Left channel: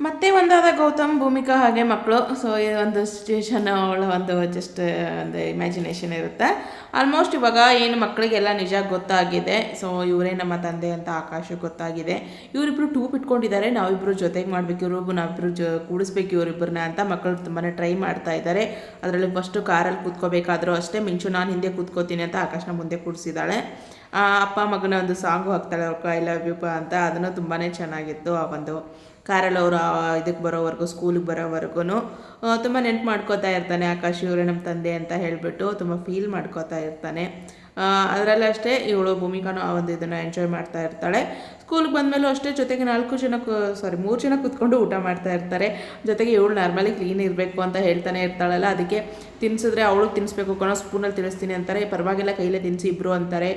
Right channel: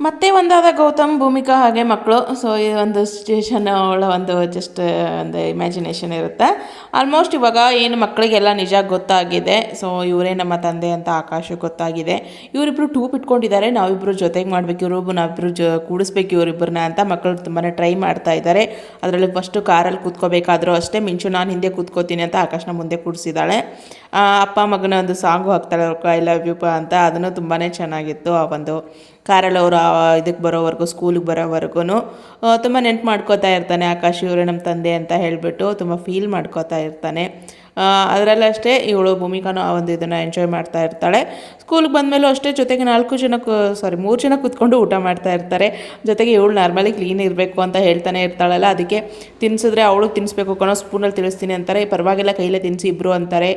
ಮತ್ತೆ ಒಂದಾದ ಗೌತಮ್, ಭೂಮಿಕಾ ಹಾಗೆ ಮಕ್ಕಳು. ಸೊ ಒಂದು ಸಿಚುವೇಶನ್ ಅವಳ ಒಂದು ಜಸ್ಟ್ ಒಂದು ಇಮ್ಯಾಜಿನೇಷನ್ ಇರುತ್ತೆ. ಆಲ್ಮೋಸ್ಟ್ ಇವಾಗ ಏನು ಮಕ್ಕಳಿಗೆಲ್ಲ ನಿಜ ಗೊತ್ತಾಗಿದೆ. ಸೊ ಇವರೇ ನಮ್ಮ ತಂದೆ ಅಂತ ಆಕಾಶ ಗೊತ್ತಾಗಿದೆ. ಇವರಿಬ್ರು ಟೂಪ್ ಇಟ್ಕೊಂಡಿದ್ದಾರೆ. ನಾವಿಬ್ಬರು ಜೊತೆಗೆ ಮಾಡಬೇಕು. ಇವರು ನಾವಿಬ್ಬರು ಜೊ, ಕೂಡಿಸ್ಬೇಕು ಇವರಿಬ್ಬರನ್ನ ಅಂತ ಮಕ್ಕಳು ತುಂಬಾ ಟ್ರೈ ಮಾಡ್ತಾ ಇದ್ದಾರೆ. ಅದರಲ್ಲಿ ಫಸ್ಟು ಕಾರಲ್ಲಿ ಕೂತ್ಕೋಬೇಕಾದ್ರೂ ಅಷ್ಟೇ. ಮಿಂಚು, ನಾನು ಹಿಂದೆ ಕೂತ್ಕೋತೀನಿ ಅಂತ ಆಕಾಶನ ಮುಂದೆ ಕೂಡಿಸಿದ್ದಾಳೆ. ಅಪ್ಪ ಮಗನ ಒಂದು ಸಾಂಗು ಹಾಕ್ತಾಳೆ ಐ ಲವ್ ಯು ಅಂತ, ಅದನ್ನು ತುಂಬಾ ಚೆನ್ನಾಗಿತ್ತು ಆ ಒಂದು ಕಾರಲ್ಲಿ ಅವರು ಇದಕ್ಕೆ ಬರೋವರೆಗೂ, ಸ್ಕೂಲಿಗೆ ಬರೋವರೆಗೂ ತುಂಬ ನೆನ್ಪು ಮಾಡ್ಕೋತಾ ಇರ್ತಾನೆ ಆಕಾಶ್ ಇವರೇ ನಮ್ಮ ತಂದೆ ಅಂತ ಹೇಳಿಬಿಟ್ಟು, ತುಂಬ ಫೀಲ್ ಮಾಡ್ಕೋತಾ ಇರ್ತಾನೆ. ಅದರಲ್ಲಷ್ಟೇ ಇವಳು ಭೂಮಿಕಾನು ಆ ಒಂದು ಇದನ್ನು ಎಂಜಾಯ್ ಮಾಡ್ತಾ ಇರ್ತಾಳೆ. ಸ್ಕೂಲ್ಗೆ ಬಂದಮೇಲೂ ಅಷ್ಟೇ ಜೊತೆಗೆ ನಾಲ್ಕು ಜನ ಸಾರಿ ಮೂರು ಜನ ಕೂತ್ಕೊಂಡು ಊಟ ಮಾಡ್ತಾ ಇರ್ತಾರೆ. ಜೊತೆಗೆ ಇವಳು ನಾರ್ಮಲಿ ಕ್ಲೀನ್ ಇರಬೇಕು ಅಂತ ಹೇಳ್ತಾನೆ ಇರ್ತಾಳಲ್ಲ, ಅದಕ್ಕೆ ತಿನ್ಸಿದ್ರೆ ಅವಳು ತಿನ್ನಿಸ್ಬೇಕು ಕಣೋ ಸ್ಪೂನಲ್ಲಿ ತಿಳಿಸ್ತೀನಿ ಅಂತಾರೆ. ಪರವಾಗಿಲ್ಲ, ಕೈಲೇ ತಿನ್ಸಿ ಇಬ್ಬರು ಅಂತಾರೆ.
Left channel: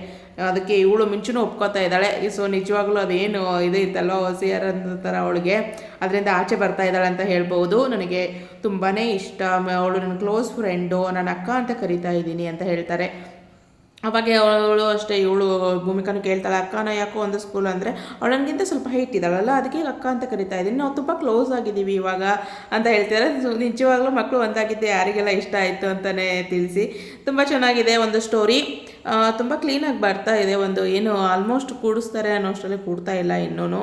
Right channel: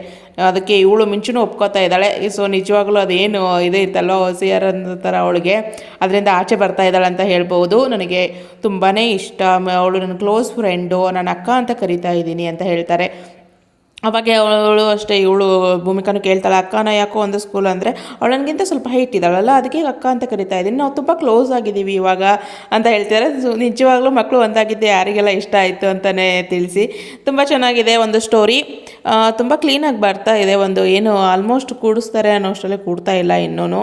ಅದಕ್ಕೆ ಇವಳು ಮಿಂಚುನೂ ಒಪ್ಕೋತಾ ಇದ್ದಾಳೆ. ಸೊ ನಿಜವಾಗ್ಲೂ ಅದೇನು ಇದೆ ಇತ್ತಲ್ಲೋ ಸಿಯರ್ ಥರ ಅವಳಿಗೆ. ಅದರಿಂದ ಆಚೆ ಬರ್ತಾ ಇದ್ದಾಳೆ ಅಂತ ಹೇಳ್ಬೋದು. ನನಗೆ ತುಂಬಾ ಇಷ್ಟ. ಅವಳು ನನ್ನ ಕ್ಲೋಸ್ ಫ್ರೆಂಡು ನನ್ನ ಅಕ್ಕ ಅಂತ ಕರಿತಾ ಇದ್ದೀನಿ ಅಂತ ಹೇಳ್ತಾರೆ. ಅವಾಗ ಅವಳು ಅಷ್ಟೇ ಇವಳು ಭೂಮಿಕಾನು ಕೇಳ್ತಾಳೆ, ಅಕ್ಕನ ಯಾಕೋ ಒಂದು ಸ್ಕೂಲ್ ಅಂದರೆ ಅವಳು ನನಗಿಂತ ಸ್ವಲ್ಪ ಹೈಟ್ ಇದ್ದಾಳಲ್ಲ, ಅದಕ್ಕೆ ಅಕ್ಕ ಅಂತ ಕರಿತಾ ಇದ್ದೀನಿ. ನಾವು ತುಂಬ ಕ್ಲೋಸ್ ಆಗಿದ್ದೀವಿ ಇವಾಗ ಅಂತ ಹೇಳ್ತಾರೆ ನಿಜವಾಗ್ಲೂ ಮಕ್ಕಳು ಒಂದಾಗಿದ್ದೆ ಯಾರಿಗೆಲ್ಲ ಇಷ್ಟ ಆಯಿತು ಅಂತಲೇ ತಿಳಿಸಿ. ತುಂಬ ಚೆನ್ನಾಗಿದೆ ಒಂದು ಸ್ಟೋರಿ ತುಂಬ ಕ್ಲೀನಾಗಿ ಬರ್ತಾ ಇದೆ ಒಂದು, ಏನು ಆಲ್ಮೋಸ್ಟ್ ಕೂಡಿಸ್ತಾರೆ ಅನ್ನೋ ಅಷ್ಟರಲ್ಲಿ ಕೂಡ್ತಾ ಇಲ್ಲ ಇನ್ನೂ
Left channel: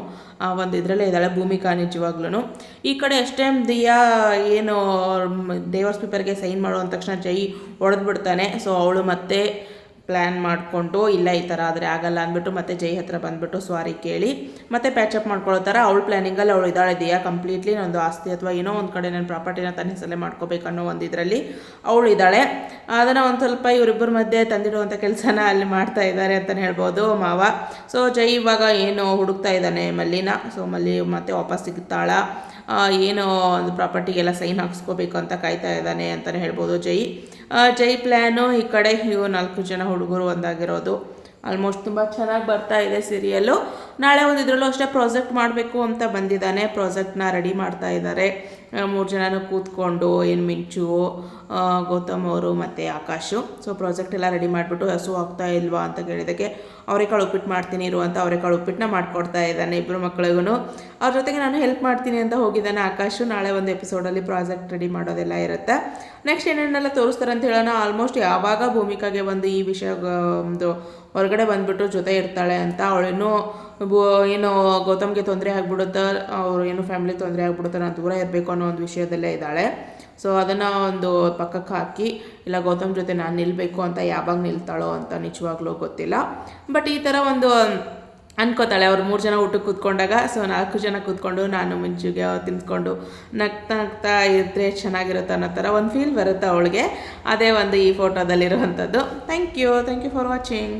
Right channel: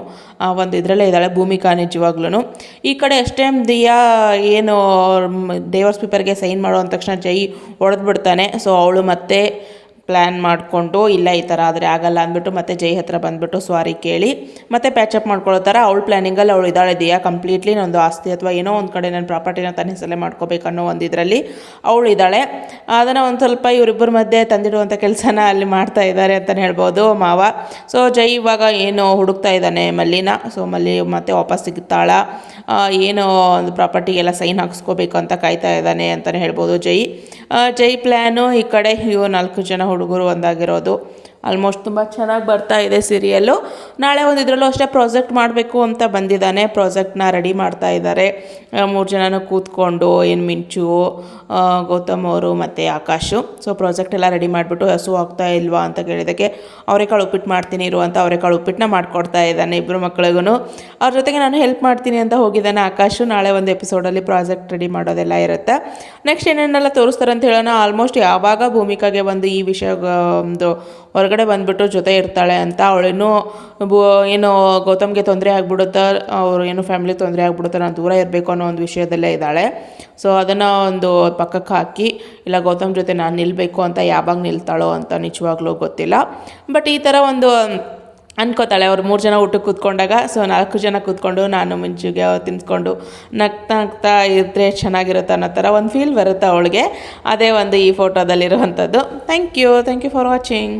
ಒಂದು ಇದರಲ್ಲೇ ಇದ್ದಾಳೆ ಭೂಮಿಕಾ ನಿಜವಾಗ್ಲೂ ಈ ಕಡೆ ಅಷ್ಟೇ ದಿಯಾ ಏನು ಡೇವರ್ಸ್ ಪೇಪರ್ಗೆ ಸೈನ್ ಮಾಡೋ ಅಂದ ತಕ್ಷಣ ಜೈ ಹೊಡೆದ್ಬಿಡ್ತಾನೆ. ಸೊ ಅವಳು ಮತ್ತೆ ಪ್ಲ್ಯಾನ್ ಮಾಡಿಕೊಂಡು, ಇಲ್ಲ ಈ ಥರ ಆದರೆ ಆಗಲ್ಲ ಅಂದ್ಬಿಟ್ಟು ಮತ್ತೆ ಜೈ ಹತ್ರ ಬಂದುಬಿಟ್ಟು ಸ್ವಾರಿ ಕೇಳಿ, ಮತ್ತೆ ಪ್ಯಾಚಪ್ ಮಾಡ್ಕೊಳ್ಳೋ ಥರ ಅವಳು ಪ್ಲ್ಯಾನಿಂಗಲ್ಲಿ ಅವಳು ಇದ್ದಾಳೆ ಇದೆಯಾ ಕಂಪ್ಲೀಟ್ಲಿ ನಂದು ಆಸ್ತಿ ಅಥವಾ ಏನೋ ಒಂದು ಕಡೆ ನನ್ನ ಪ್ರಾಪರ್ಟಿನ ತನ್ನ ಹೆಸರಲ್ಲೇ ಮಾಡ್ಕೋಬೇಕು ಅನ್ನೋ ಒಂದು ಇದರಲ್ಲಿ ಅವಳು ಇದ್ದಾಳೆ. ಅದನ್ನು ಒಂದು ಸ್ವಲ್ಪ ಇವರಿಬ್ಬರ ಮಧ್ಯೆ ತಂದಿಡುವಂಥ ಕೆಲಸನ ಅಲ್ಲಿ ಮಾಡ್ತಾ ಇದ್ದಾರೆ ಅಂತಲೇ ಹೇಳ್ಬೋದು ಮಾವ. ಸೊ ಜೈ ಇವಾಗ ಏನು ಹುಡುಕ್ತಾ ಇದ್ದಾನೆ ಮಲ್ಲಿನ? ಸೊ ಮಲ್ಲಿ ಮತ್ತೆ ವಾಪಸ್ ಸಿಗ್ತಾಳ. ಏನು ಒಂದು ಪ್ರಾಪರ್ಟಿಗೆಲ್ಲ ಸೈನ್ ಹಾಕ್ಸ್ಕೋಬೇಕು ಅಂತ ಕಾಯ್ತಾ ಇದ್ದಾನೆ ಅಂತಲೇ ಹೇಳ್ಬೋದು ಜೈ. ಜೈ ಪ್ಲ್ಯಾನು ಈ ಕಡೆ ಇವು ನಾಲ್ಕು ಜನ ಹುಡುಗರು ಒಂದಾಗಿರೋದು. ಆಲ್ಮೋಸ್ಟ್ ತುಂಬ ಚೆನ್ನಾಗಿ ಬರ್ತಾ ಇದೆ ಸೀರಿಯಲ್ಲು ನಾಳೆ ಒಂದು ಇದರಲ್ಲೂ ಅಷ್ಟೇ ಪ್ರಾಜೆಕ್ಟ್ ಮಾಡಬೇಕು ಅಂತ ಬಂದಿದ್ದಾನೆ. ಪ್ರಾಜೆಕ್ಟ್ನ ರೆಡಿ ಮಾಡ್ತಾ ಇದ್ದಾರೆ. ಮೂರು ಜನನೂ ಕೂತ್ಕೊಂಡು, ಏನು ಮಿಂಚು ಗೌತಮ್ ಅವರು ಮತ್ತು ಆಕಾಶು. ಸೊ ಪ್ರಾಜೆಕ್ಟ್ ಎಲ್ಲ ರೆಡಿ ಮಾಡಿಬಿಟ್ಟು ಹಸು ಆಗ್ತಾ ಇಲ್ವಾ ಅಂತ ಕೇಳಿದ್ದಕ್ಕೆ ಅವರೆಕಾಳು ಉಪ್ಪಿಟ್ಟು ಮಾಡ್ತೀನಿ ಇರುವಂಥ ಅಂತ ಅವರೆಕಾಳು ಉಪ್ಪಿಟ್ಟನ್ನ ಮಾಡ್ಕೊಡ್ತಾ ಇದ್ದಾನೆ ಇಬ್ಬರು ಮಕ್ಕಳಿಗೂ ಅವ್ರ ಜೊತೆಗೆ ನಾನು ಹೆಲ್ಪ್ ಮಾಡ್ತೀನಿ ಅಂತ ಹೋಗಿದ್ದಾನೆ ಆಕಾಶು. ನಾಳೆ ಒಂದು ಎಪಿಸೋಡಲ್ಲಿ ಪ್ರಾಜೆಕ್ಟ್ ರೆಡಿ ಮಾಡೋದೆಲ್ಲ ಇರುತ್ತೆ. ನೆಕ್ಸ್ಟ್ ಏನೇನೆಲ್ಲ ತೋರಿಸ್ತಾರೆ ಅಂತ ಹೇಳೋಣ. ಆಲ್ಮೋಸ್ಟ್ ಯಾವಾಗ ಭೂಮಿಕಾಗೆ ಒಂದು ಈ ವಿಷಯ ಒಂದು ಹೊರಗಡೆ ಬಂದುಬಿಟ್ಟು ಜೊತೆ ಇರ್ತಾಳೆ ಅಂತ. ಅವಳೇನು ಏನು ಗೌತಮ್ಗೆ ತೊಂದರೆ ಆಗಿಬಿಡುತ್ತಾ, ಅವರು ಏನು ಫ್ಯಾಮಿಲಿ ತೊಂದರೆ ಆಗಿಬಿಡುತ್ತೆ, ನಾನು ದೂರ ಇರಬೇಕು ಅನ್ನೋ ಒಂದು ವಿಷಯದಲ್ಲೇ ಇದ್ದಾಳೆ. ಸೊ ಅದನ್ನು ಒಂದು ಪಕ್ಕಕ್ಕೆ ಹಾಕಿ, ಇಲ್ಲ ಗೌತಮ್ ಜೊತೆ ನಾನು ನಿಲ್ಲಬೇಕು ಅಂತ ಯಾವಾಗ ನಿಲ್ತಾಳೋ ಅಂತ ನಿಜವಾಗ್ಲೂ ಗೊತ್ತಿಲ್ಲ. ಬಟ್ ಈ ಥರ ಒಂದು ಅನ್ಕೋತಾಳೆ. ಅವ್ರು ಮೂರು ಜನ ಊಟಕ್ಕೆ ಕೂತ್ಕೊಂಡಾಗ ಸೊ ನಾಲ್ಕು ಜನ ಕೂತ್ಕೊಂಡು, ನಾನು ಮುಂಚೆಗೆ ತಿನ್ಸ್ಕೊಂಡು ನಗ್ತಾ ನಗ್ತಾ ಇದ್ದರೆ ಚೆನ್ನಾಗಿರುತ್ತೆ ಅನ್ನೋ ಥರ ಒಂದು ಫೀಲ್ ಬರುತ್ತೆ ಅವಳಿಗೆ. ಅದೇ ಒಂದು ಈ ಫೋಟೋದಲ್ಲಿರುವಂಥದ್ದು thank you thank you for watching